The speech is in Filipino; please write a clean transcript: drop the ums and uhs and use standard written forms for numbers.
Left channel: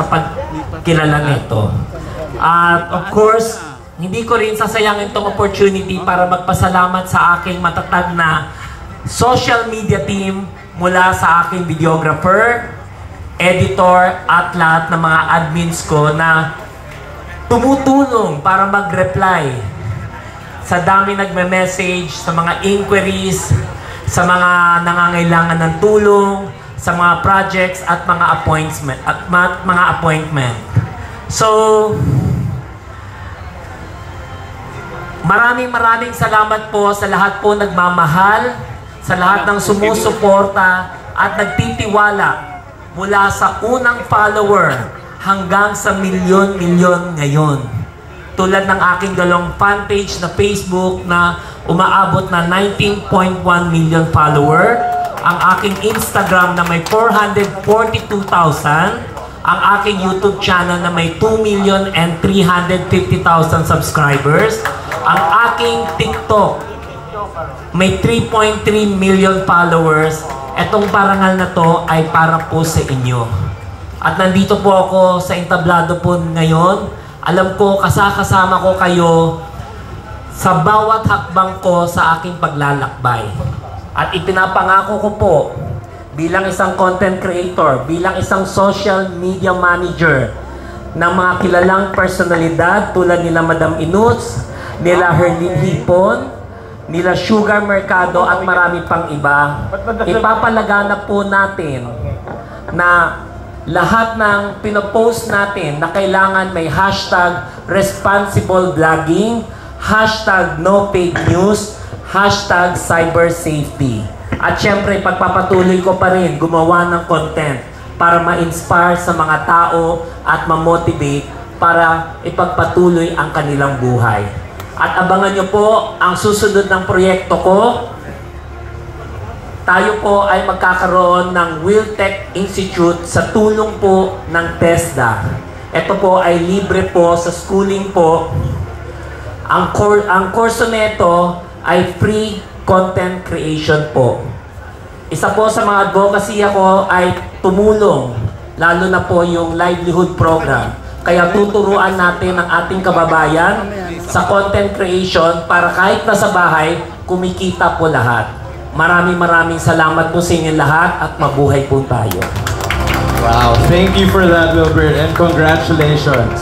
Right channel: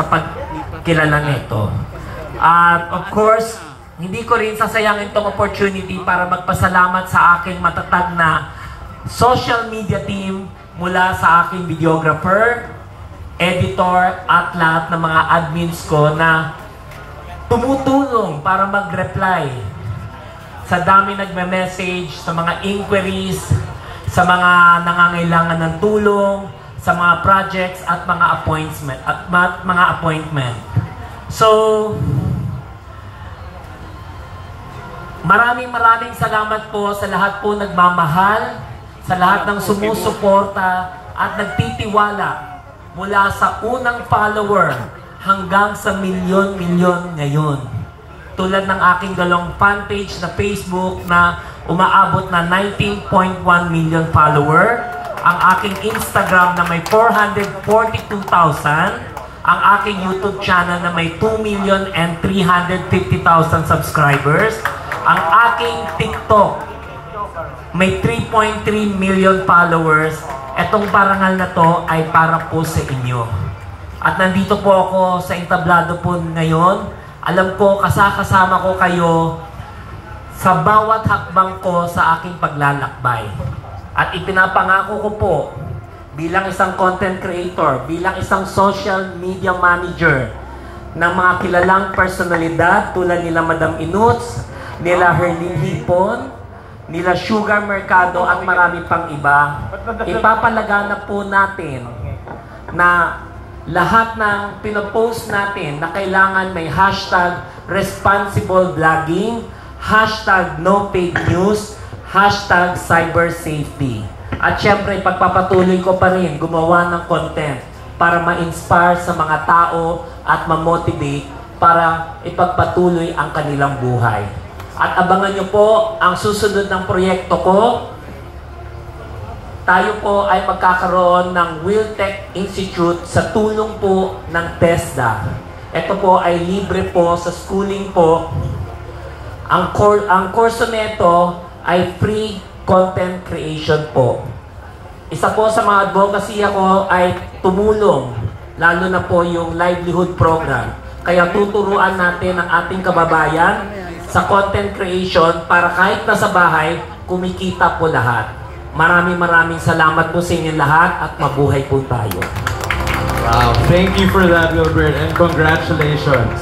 sa pagkilala nito. At of course, hindi ko rin sasayangin itong opportunity para magpasalamat sa aking matatag na social media team mula sa aking videographer, editor, at lahat ng mga admins ko na tumutulong para mag-reply sa dami nagme-message, sa mga inquiries, sa mga nangangailangan ng tulong, sa mga projects at mga appointment. So, maraming salamat po sa lahat po nagmamahal, sa lahat ng sumusuporta at nagtitiwala mula sa unang follower hanggang sa milyon-milyon ngayon. Tulad ng aking dalawang fan page na Facebook na umaabot na 19.1 million follower, ang aking Instagram na may 442,000, ang aking YouTube channel na may 2,350,000 subscribers, ang aking TikTok may 3.3 million followers. Etong parangal na to ay para po sa inyo. At nandito po ako sa entablado po ngayon. Alam ko, kasama ko kayo sa bawat hakbang ko sa aking paglalakbay. At ipinapangako ko po, bilang isang content creator, bilang isang social media manager ng mga kilalang personalidad tulad nila Madam Inuts, nila Herlin Hipon, nila Sugar Mercado at marami pang iba, ipapalaganap po natin na lahat ng pinopost natin na kailangan may hashtag responsible vlogging, hashtag no fake news, hashtag cyber safety. At syempre, pagpapatuloy ko pa rin gumawa ng content para ma-inspire sa mga tao at ma-motivate para ipagpatuloy ang kanilang buhay. At abangan nyo po ang susunod ng proyekto ko. Tayo po ay magkakaroon ng WillTech Institute sa tulong po ng TESDA. Ito po ay libre po sa schooling po. Ang kurso nito ay free content creation po. Isa po sa mga advocacy ko ay tumulong, lalo na po yung livelihood program. Kaya tuturuan natin ang ating kababayan sa content creation para kahit nasa bahay, kumikita po lahat. Maraming salamat po sa inyo lahat at mabuhay po tayo. Wow, thank you for that, Wilbert, and congratulations.